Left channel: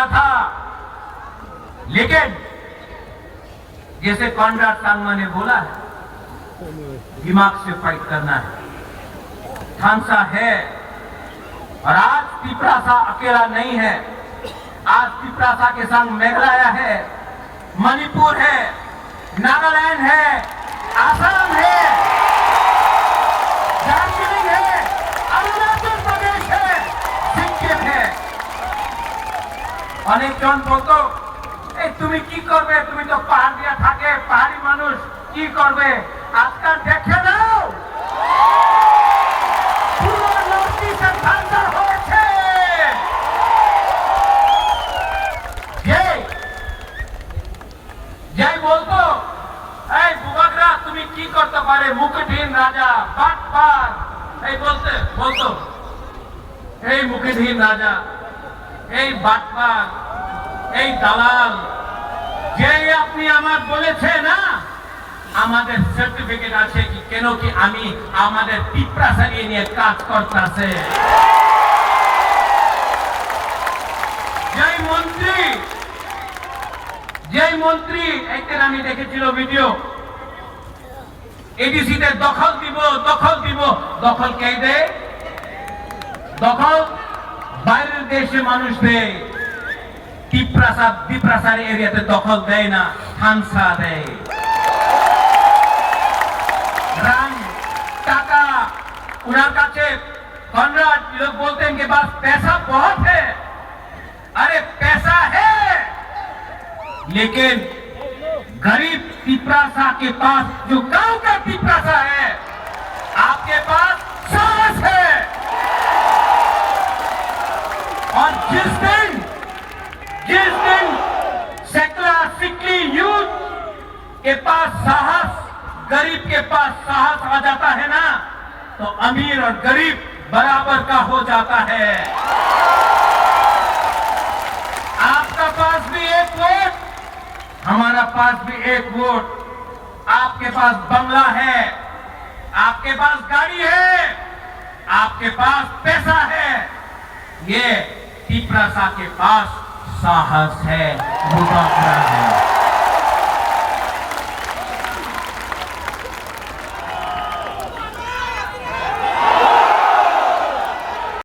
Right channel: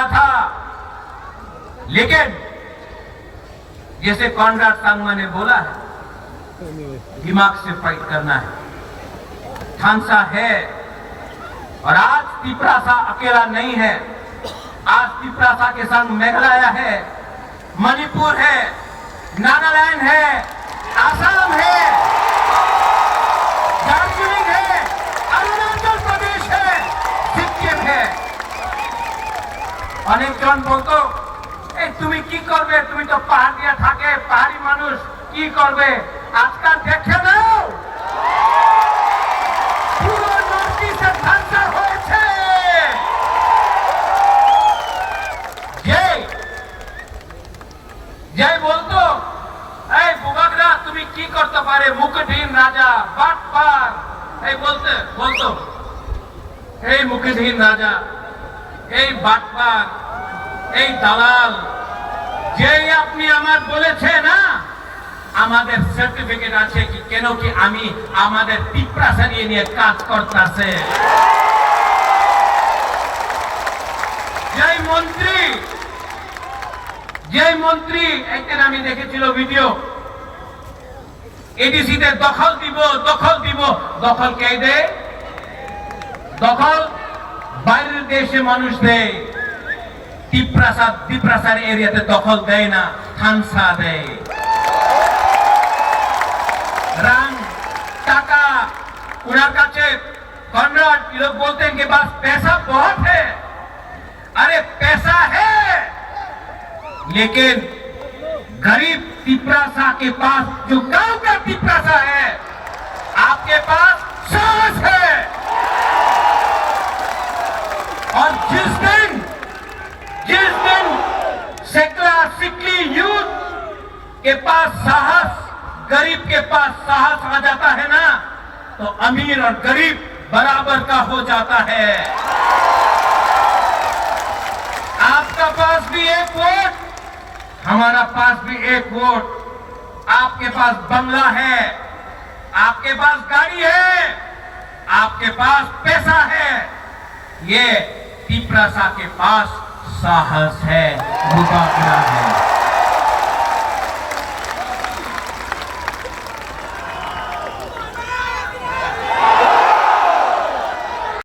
लगा था, लेकिन जैसे कॉनराड सांगमा ने बोला है, दिमाग से फाइट करना है। थानसा है और आज तिपरासा अकेला नहीं है। आज तिपरासा के संग मेघालय है, मणिपुर है, नागालैंड है, आसाम है, दार्जिलिंग है, अरुणाचल प्रदेश है, सिक्किम है। अनेकजन बोलतो তুমি কি করবে, তুমি তো পাহাড় দিয়ে থাকে, পাহাড়ি মানুষ কি করবে। আজকাল দেখে নাও পুরো নর্থ ইস্টে ঠান্ডা হয়েছে। যে বলতো এই বুবাগরা তুমি কি করতে পারে, মুখবিহীন রাজা বাটপার, এই বলতো এই মুখবিহীন রাজা, এই বাটপার, এই দালাল, যে আপনি আমার বলেছে না আমাদের সার্টিফিকেট আছে কি কেন কি আমি আমাদের তিপ্রাসা নিয়ে কাজ করতেছে। যে মন্ত্রী একদিন আমি দেখেছিল ভিডিও, এডিসিতে দখল দিব, দখল কে দেয়? দখল বাইরের দেশে মানুষ দেয়। তিপ্রাসার এরিয়াতে দখল দেয় না, থানসা দেয়। রান টাকা उनके काছে कॉनराड लोग बोलते हैं कि पास पैसा बहुत है। अरे पैसा है, लेकिन गरीब तिपरासा के पास, जो गांव का तिपरासा है, आपके पास साहस है। और जिस दिन सिकली यूथ के पास साहस, गरीब के पास साहस आ जाता है ना, तो अमीर और गरीब बराबर का हो जाता है। आपका पास भी एक वोट, हमारा पास भी एक वोट। आपके पास बंगला है, आपके पास गाड़ी है, आपके पास पैसा है, ये तिपरासा के पास साहस है, मुबारक है।